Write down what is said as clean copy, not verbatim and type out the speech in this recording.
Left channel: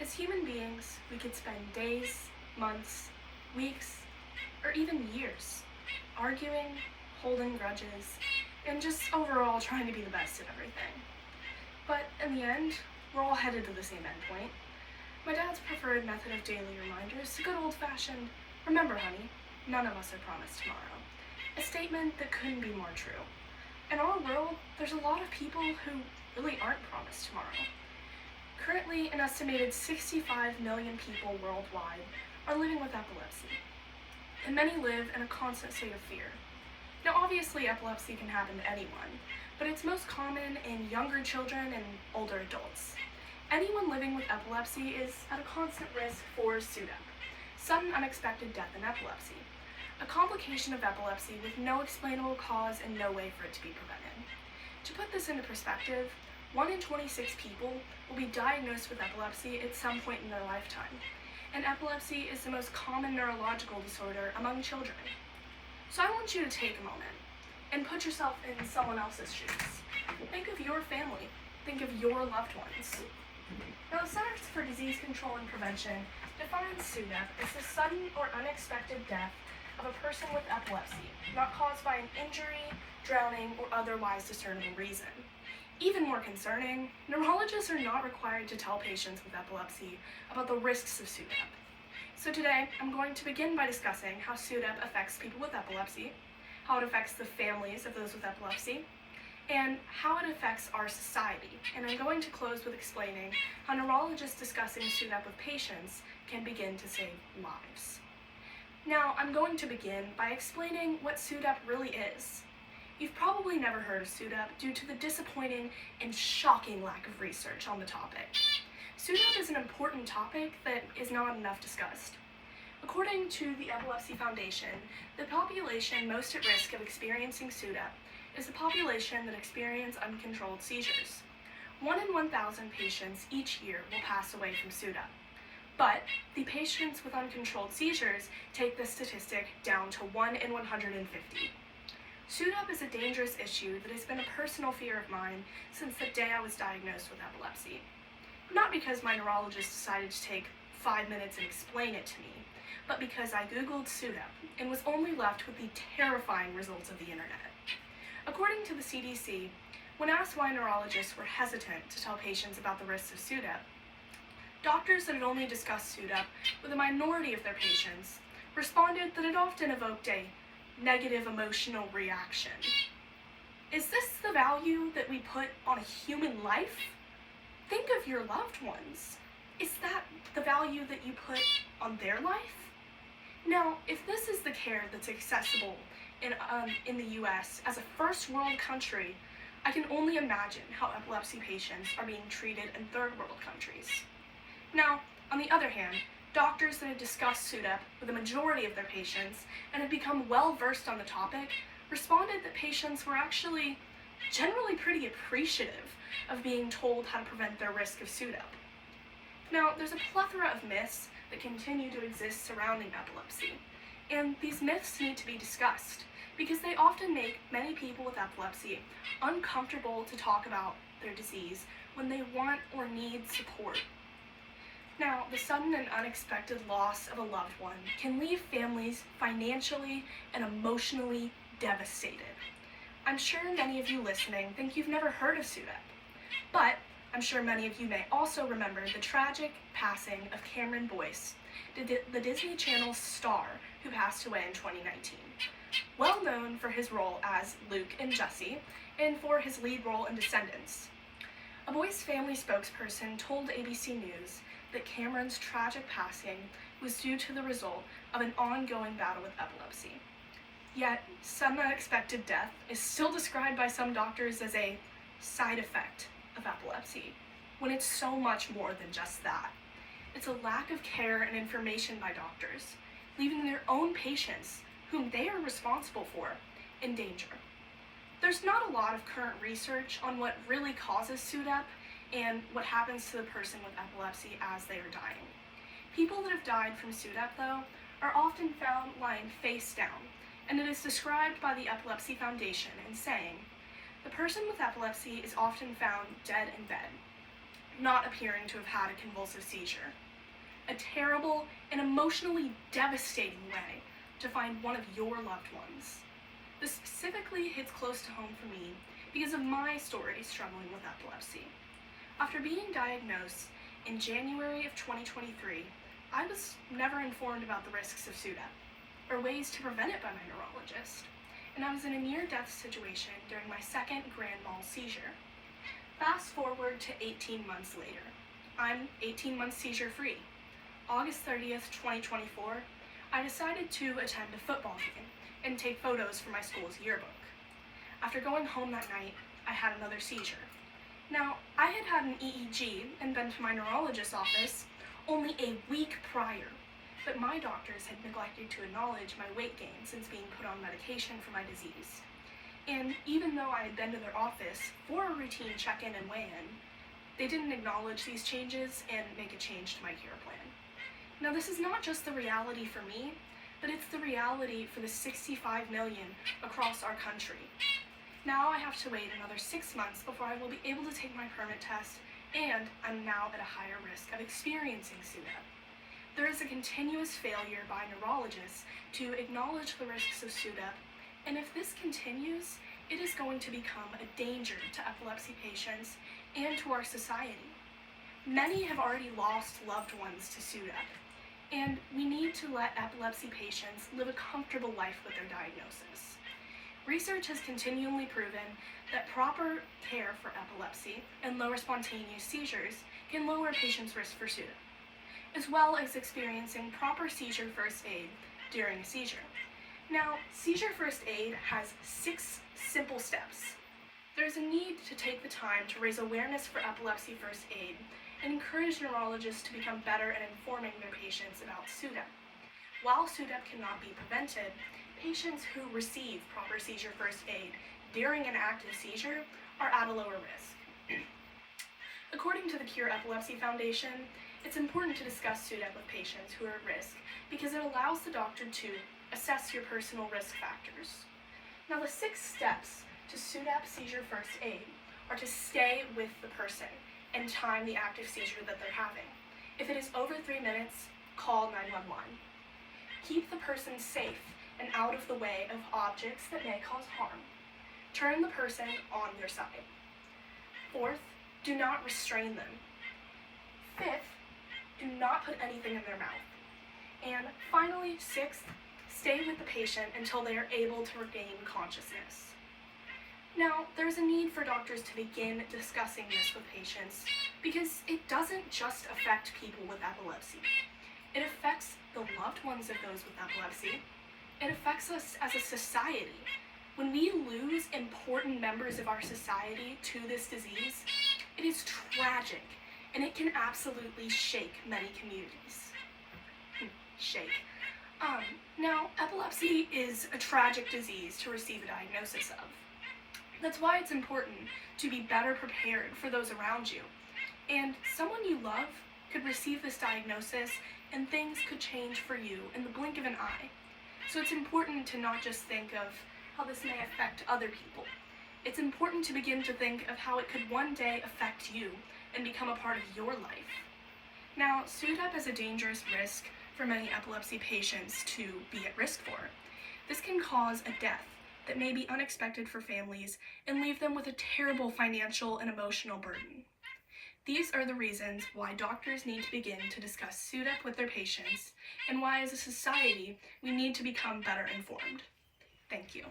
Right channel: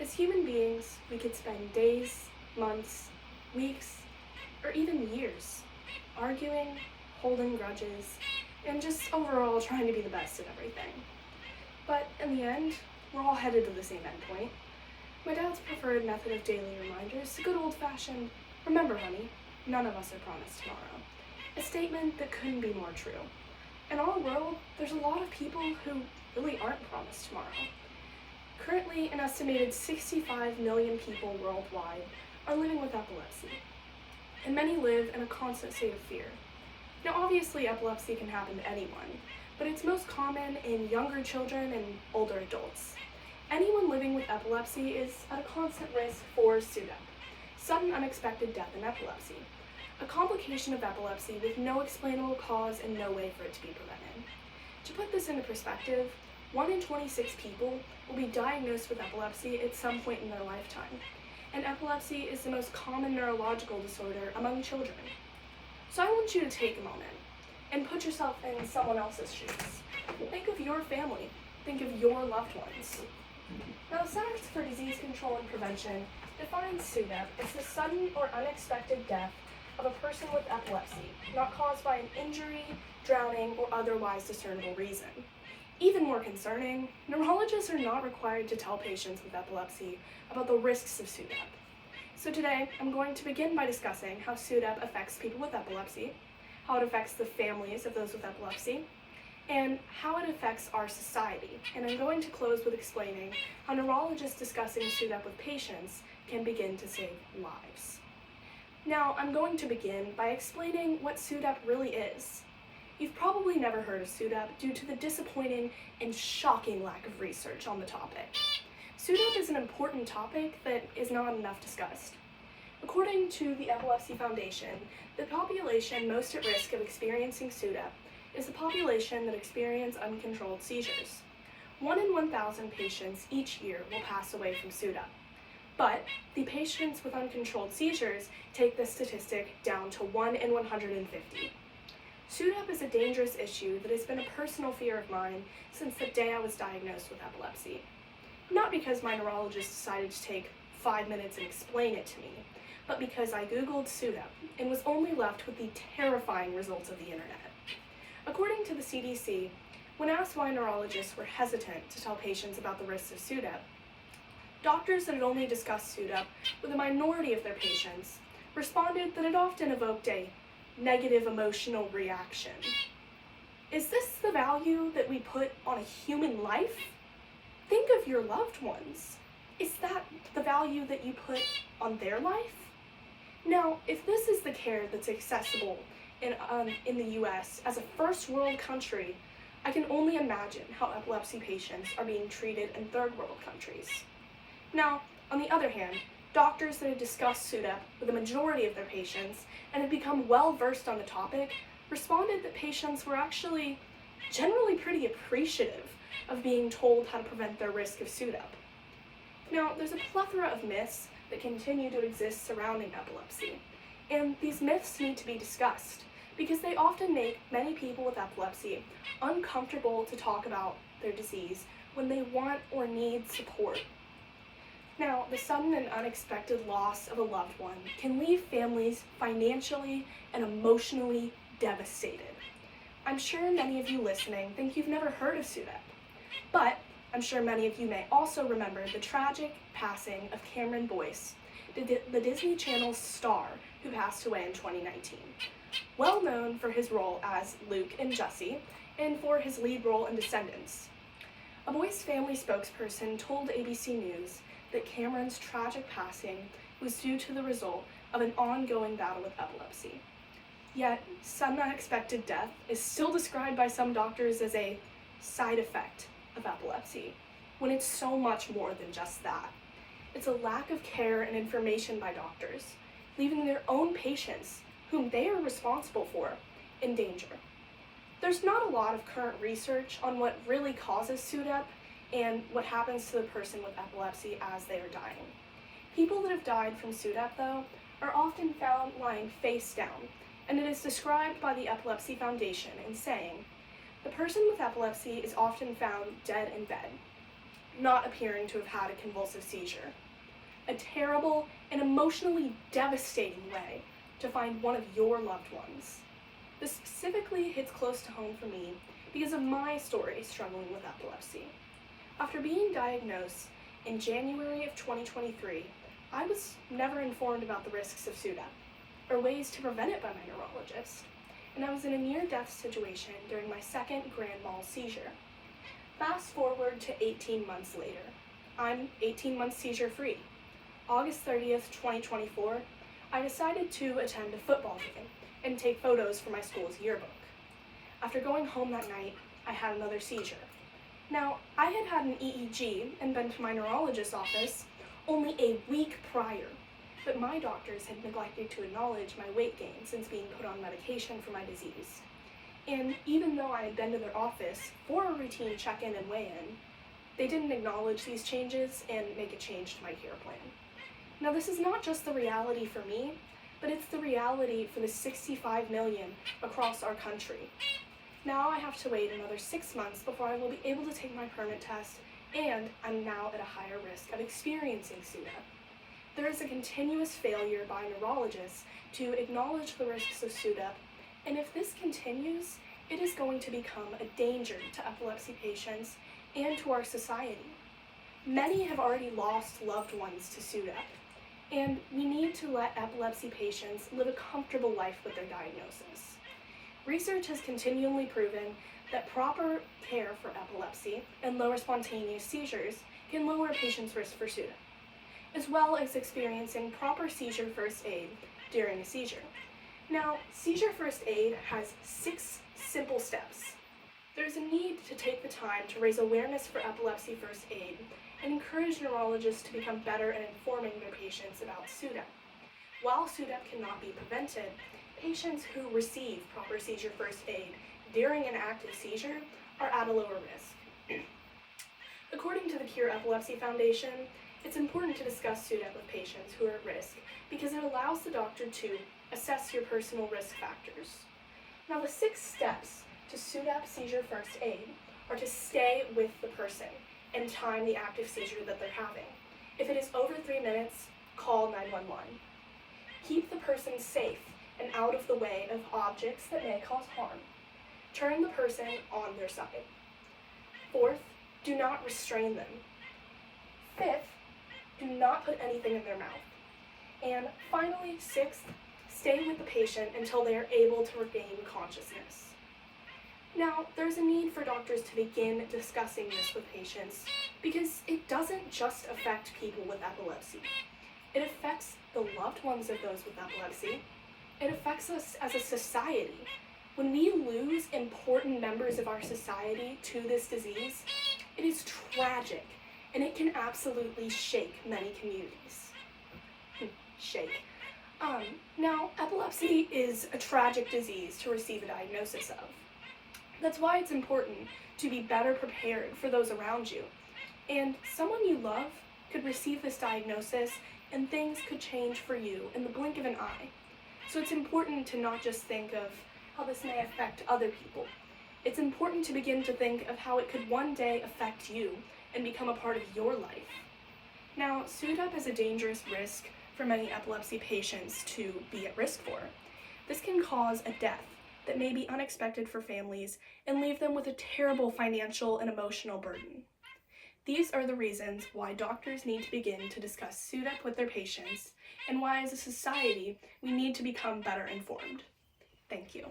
As human beings, we could spend days, months, weeks, or even years arguing, holding grudges, and just overall trying to be the best at everything. But in the end, we're all headed to the same endpoint. My dad's preferred method of daily reminders, the good old-fashioned, "Remember, honey, none of us are promised tomorrow." A statement that couldn't be more true. In our world, there's a lot of people who really aren't promised tomorrow. Currently, an estimated 65 million people worldwide are living with epilepsy, and many live in a constant state of fear. Now, obviously, epilepsy can happen to anyone, but it's most common in younger children and older adults. Anyone living with epilepsy is at a constant risk for SUDEP, sudden unexpected death in epilepsy, a complication of epilepsy with no explainable cause and no way for it to be prevented. To put this into perspective, 1 in 26 people will be diagnosed with epilepsy at some point in their lifetime, and epilepsy is the most common neurological disorder among children. So I want you to take a moment and put yourself in someone else's shoes. Think of your family. Think of your loved ones. Now, the Centers for Disease Control and Prevention defines SUDEP as the sudden or unexpected death of a person with epilepsy, not caused by an injury, drowning, or otherwise discernible reason. Even more concerning, neurologists are not required to tell patients with epilepsy about the risks of SUDEP. So today, I'm going to begin by discussing how SUDEP affects people with epilepsy, how it affects the families of those with epilepsy, and how it affects our society. And I'm going to close with explaining how neurologists discussing SUDEP with patients can begin to save lives. Now, I'm going to begin by explaining what SUDEP really is. You've probably never heard of SUDEP due to the disappointing and shocking lack of research on the topic. SUDEP is an important topic that is not enough discussed. According to the Epilepsy Foundation, the population most at risk of experiencing SUDEP is the population that experience uncontrolled seizures. 1 in 1,000 patients each year will pass away from SUDEP. But the patients with uncontrolled seizures take this statistic down to 1 in 150. SUDEP is a dangerous issue that has been a personal fear of mine since the day I was diagnosed with epilepsy. Not because my neurologist decided to take 5 minutes and explain it to me, but because I Googled SUDEP and was only left with the terrifying results of the internet. According to the CDC, when asked why neurologists were hesitant to tell patients about the risks of SUDEP, doctors that had only discussed SUDEP with a minority of their patients responded that it often evoked a negative emotional reaction. Is this the value that we put on a human life? Think of your loved ones. Is that the value that you put on their life? Now, if this is the care that's accessible in the US as a first world country, I can only imagine how epilepsy patients are being treated in third world countries. Now, on the other hand, doctors that have discussed SUDEP with a majority of their patients and have become well versed on the topic responded that patients were actually generally pretty appreciative of being told how to prevent their risk of SUDEP. Now, there's a plethora of myths that continue to exist surrounding epilepsy, and these myths need to be discussed because they often make many people with epilepsy uncomfortable to talk about their disease when they want or need support. Now, the sudden and unexpected loss of a loved one can leave families financially and emotionally devastated. I'm sure many of you listening think you've never heard of SUDEP, but I'm sure many of you may also remember the tragic passing of Cameron Boyce, the Disney Channel star who passed away in 2019. Well known for his role as Luke in Jessie and for his lead role in Descendants. A Boyce family spokesperson told ABC News that Cameron's tragic passing was due to the result of an ongoing battle with epilepsy. Yet, sudden unexpected death is still described by some doctors as a side effect of epilepsy, when it's so much more than just that. It's a lack of care and information by doctors, leaving their own patients, whom they are responsible for, in danger. There's not a lot of current research on what really causes SUDEP and what happens to the person with epilepsy as they are dying. People that have died from SUDEP, though, are often found lying face down, and it is described by the Epilepsy Foundation in saying, "The person with epilepsy is often found dead in bed." not appearing to have had a convulsive seizure. A terrible and emotionally devastating way to find one of your loved ones. This specifically hits close to home for me because of my story struggling with epilepsy. After being diagnosed in January of 2023, I was never informed about the risks of SUDEP or ways to prevent it by my neurologist, and I was in a near-death situation during my second grand mal seizure. Fast forward to 18 months later. I'm 18 months seizure-free. August 30th, 2024, I decided to attend a football game and take photos for my school's yearbook. After going home that night, I had another seizure. Now, I had had an EEG and been to my neurologist's office only a week prior, but my doctors had neglected to acknowledge my weight gain since being put on medication for my disease. And even though I had been to their office for a routine check-in and weigh-in, they didn't acknowledge these changes and make a change to my care plan. Now, this is not just the reality for me, but it's the reality for the 65 million across our country. Now I have to wait another 6 months before I will be able to take my permit test, and I'm now at a higher risk of experiencing SUDEP. There is a continuous failure by neurologists to acknowledge the risks of SUDEP, and if this continues, it is going to become a danger to epilepsy patients and to our society. Many have already lost loved ones to SUDEP, and we need to let epilepsy patients live a comfortable life with their diagnosis. Research has continually proven that proper care for epilepsy and lower spontaneous seizures can lower a patient's risk for SUDEP, as well as experiencing proper seizure first aid during a seizure. Now, seizure first aid has 6 simple steps. There's a need to take the time to raise awareness for epilepsy first aid and encourage neurologists to become better at informing their patients about SUDEP. While SUDEP cannot be prevented, patients who receive proper seizure first aid during an active seizure are at a lower risk. According to the Cure Epilepsy Foundation, it's important to discuss SUDEP with patients who are at risk because it allows the doctor to assess your personal risk factors. Now, the 6 steps to SUDEP seizure first aid are to stay with the person and time the active seizure that they're having. If it is over 3 minutes, call 911. Keep the person safe and out of the way of objects that may cause harm. Turn the person on their side. 4th, do not restrain them. 5th, do not put anything in their mouth. And finally, 6th, stay with the patient until they are able to regain consciousness. Now, there's a need for doctors to begin discussing this with patients because it doesn't just affect people with epilepsy. It affects the loved ones of those with epilepsy. It affects us as a society. When we lose important members of our society to this disease, it is tragic, and it can absolutely shake many communities. Shake. Now, epilepsy is a tragic disease to receive a diagnosis of. That's why it's important to be better prepared for those around you. And someone you love could receive this diagnosis and things could change for you in the blink of an eye. So it's important to not just think of how this may affect other people. It's important to begin to think of how it could one day affect you and become a part of your life. Now, SUDEP is a dangerous risk for many epilepsy patients to be at risk for. This can cause a death that may be unexpected for families and leave them with a terrible financial and emotional burden. These are the reasons why doctors need to begin to discuss SUDEP with their patients and why as a society we need to become better informed. Thank you.